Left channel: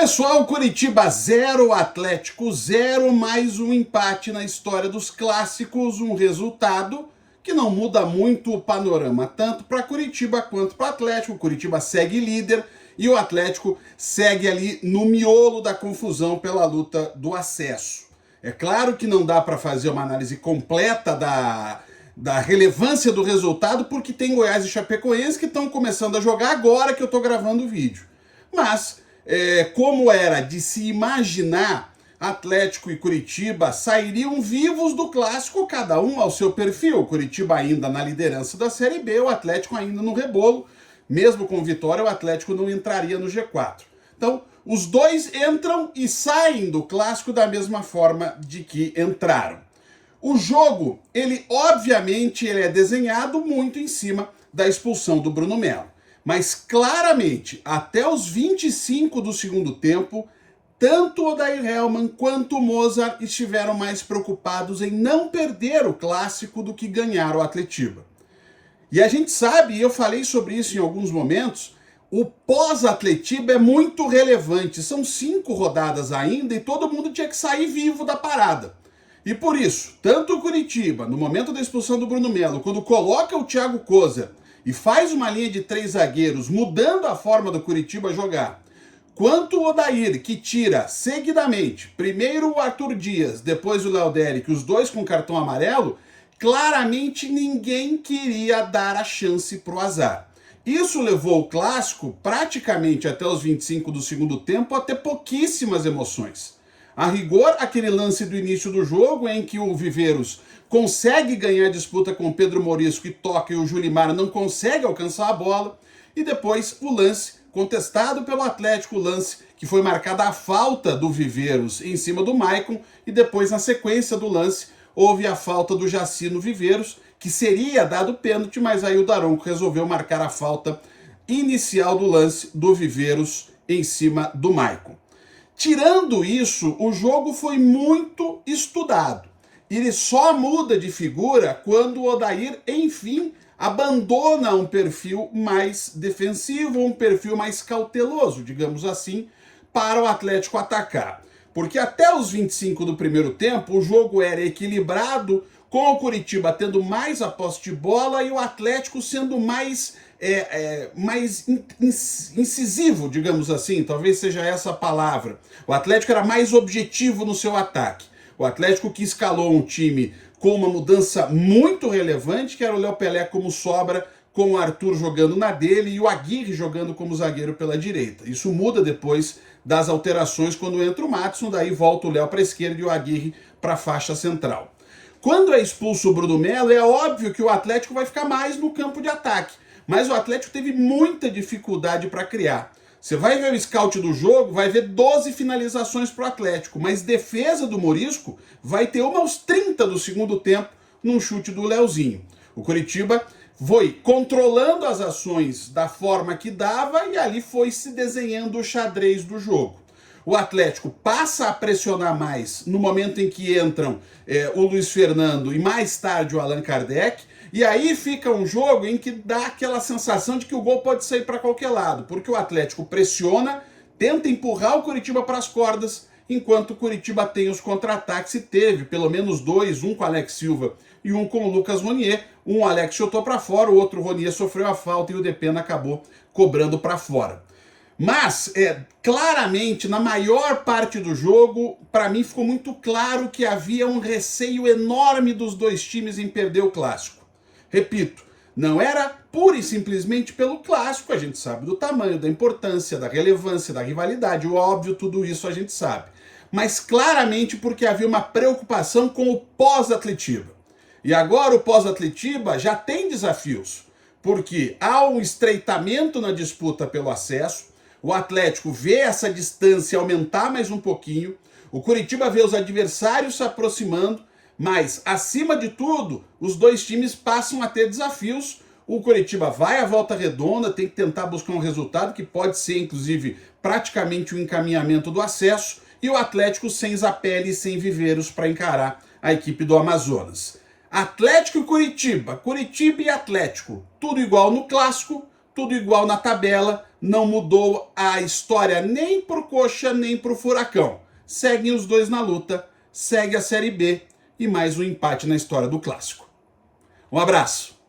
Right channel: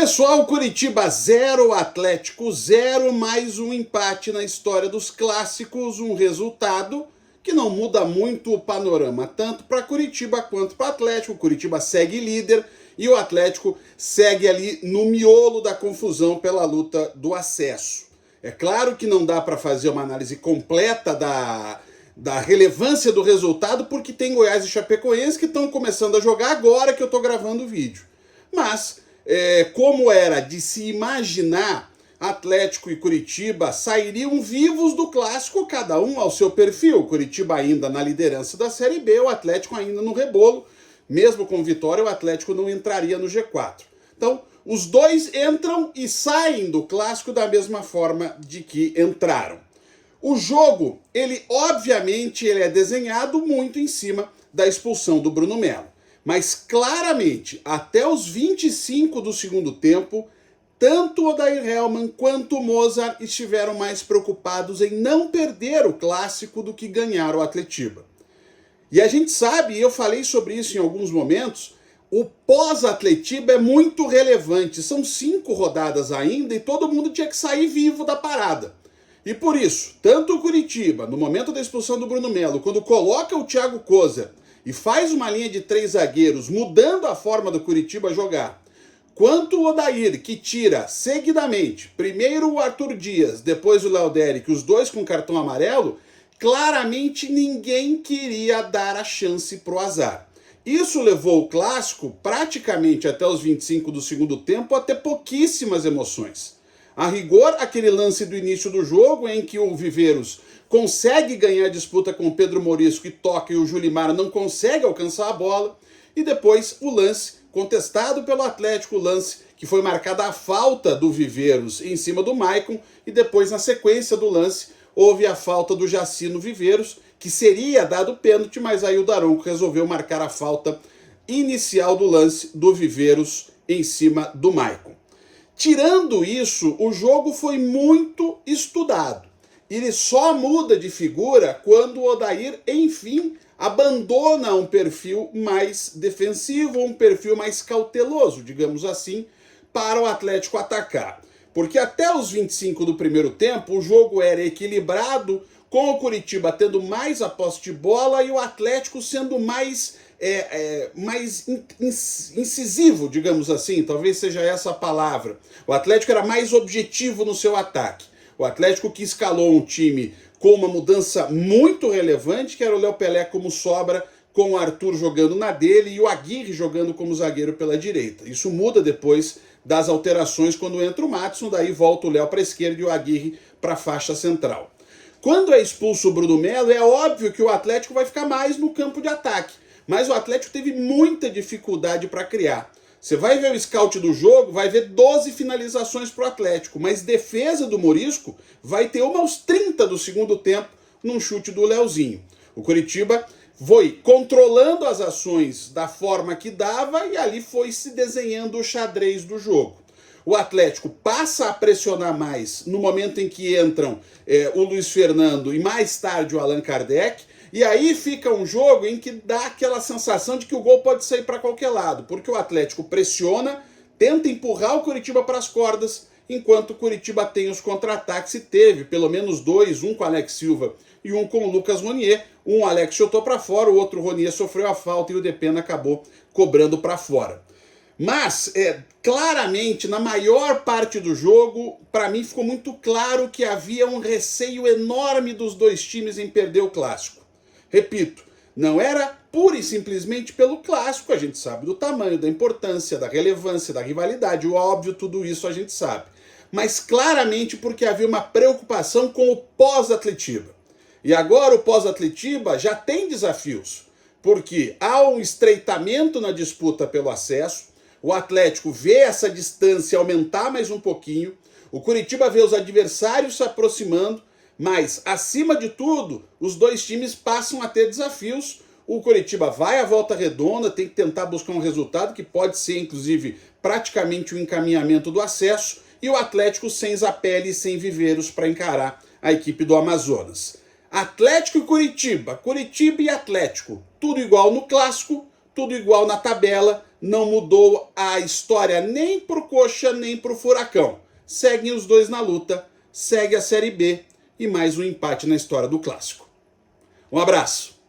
Pessoal, Curitiba 0, Atlético 0, mais um empate na história dos clássicos, um resultado que não muda muito o panorama, tanto para Curitiba quanto para o Atlético. Curitiba segue líder e o Atlético segue ali no miolo da confusão pela luta do acesso. É claro que não dá para fazer uma análise completa da relevância do resultado, porque tem Goiás e Chapecoense que estão começando a jogar agora que eu estou gravando o vídeo. Mas como era de se imaginar, Atlético e Curitiba sairiam vivos do clássico, cada um ao seu perfil. Curitiba ainda na liderança da Série B, o Atlético ainda no rebolo. Mesmo com vitória, o Atlético não entraria no G4. Então, os dois entram e saem do clássico da mesma forma de que entraram. O jogo, obviamente, ele é desenhado muito em cima da expulsão do Bruno Melo. Mas claramente, até os 25 do segundo tempo, tanto Odair Hellmann quanto o Mozart estiveram mais preocupados em não perder o clássico do que ganhar o Atletiba. E a gente sabe, e eu falei sobre isso em alguns momentos, o pós-Atletiba é muito relevante. São 5 rodadas ainda e todo mundo tinha que sair vivo da parada. E por isso, tanto o Curitiba, no momento da expulsão do Bruno Melo, quando coloca o Thiago Koza e faz uma linha de 3 zagueiros, mudando a forma do Curitiba jogar, quanto o Odair, que tira seguidamente, primeiro o Arthur Dias, depois o Léo Derick, os dois com cartão amarelo, claramente ninguém queria dar a chance pro azar. Isso levou o clássico, praticamente até os 25 do segundo tempo, a ter pouquíssimas emoções. A rigor, aquele lance do início do jogo, em que o Viveiros consegue ganhar a disputa com o Pedro Morisco e toca, e o Julimar não consegue alcançar a bola. E depois o lance contestado pelo Atlético, o lance que foi marcada a falta do Viveiros em cima do Maicon. E depois, na sequência do lance, houve a falta do Jaci no Viveiros, que seria dado pênalti, mas aí o Daronco resolveu marcar a falta inicial do lance do Viveiros em cima do Maicon. Tirando isso, o jogo foi muito estudado. Ele só muda de figura quando o Odair, enfim, abandona um perfil mais defensivo, um perfil mais cauteloso, digamos assim, para o Atlético atacar. Porque até os 25 do primeiro tempo, o jogo era equilibrado, com o Curitiba tendo mais a posse de bola e o Atlético sendo mais incisivo, digamos assim, talvez seja essa a palavra. O Atlético era mais objetivo no seu ataque. O Atlético que escalou um time com uma mudança muito relevante, que era o Léo Pelé como sobra, com o Arthur jogando na dele e o Aguirre jogando como zagueiro pela direita. Isso muda depois das alterações quando entra o Matheus, daí volta o Léo para a esquerda e o Aguirre para a faixa central. Quando é expulso o Bruno Melo, é óbvio que o Atlético vai ficar mais no campo de ataque, mas o Atlético teve muita dificuldade para criar. Você vai ver o scout do jogo, vai ver 12 finalizações para o Atlético, mas defesa do Morisco vai ter uma aos 30 do segundo tempo num chute do Leozinho. O Curitiba foi controlando as ações da forma que dava e ali foi se desenhando o xadrez do jogo. O Atlético passa a pressionar mais no momento em que entram o Luiz Fernando e mais tarde o Allan Kardec, e aí fica um jogo em que dá aquela sensação de que o gol pode sair para qualquer lado, porque o Atlético pressiona, tenta empurrar o Curitiba para as cordas, enquanto o Curitiba tem os contra-ataques e teve pelo menos 2, um com o Alex Silva e um com o Lucas Ronier. Um Alex chutou para fora, o outro Ronier sofreu a falta e o Depena acabou cobrando para fora. Mas, claramente, na maior parte do jogo, para mim ficou muito claro que havia um receio enorme dos dois times em perder o clássico. Repito, não era pura e simplesmente pelo clássico, a gente sabe do tamanho, da importância, da relevância, da rivalidade, o óbvio, tudo isso a gente sabe. Mas claramente porque havia uma preocupação com o pós-Atletiba. E agora o pós-Atletiba já tem desafios, porque há um estreitamento na disputa pelo acesso, o Atlético vê essa distância aumentar mais um pouquinho, o Curitiba vê os adversários se aproximando, mas, acima de tudo, os dois times passam a ter desafios. O Curitiba vai à volta redonda, tem que tentar buscar um resultado que pode ser, inclusive, praticamente o encaminhamento do acesso, e o Atlético sem Zapelli e sem Viveiros para encarar a equipe do Amazonas. Atlético e Curitiba, Curitiba e Atlético, tudo igual no clássico, tudo igual na tabela, não mudou a história nem pro Coxa nem pro Furacão. Seguem os dois na luta, segue a Série B e mais um empate na história do Clássico. Um abraço!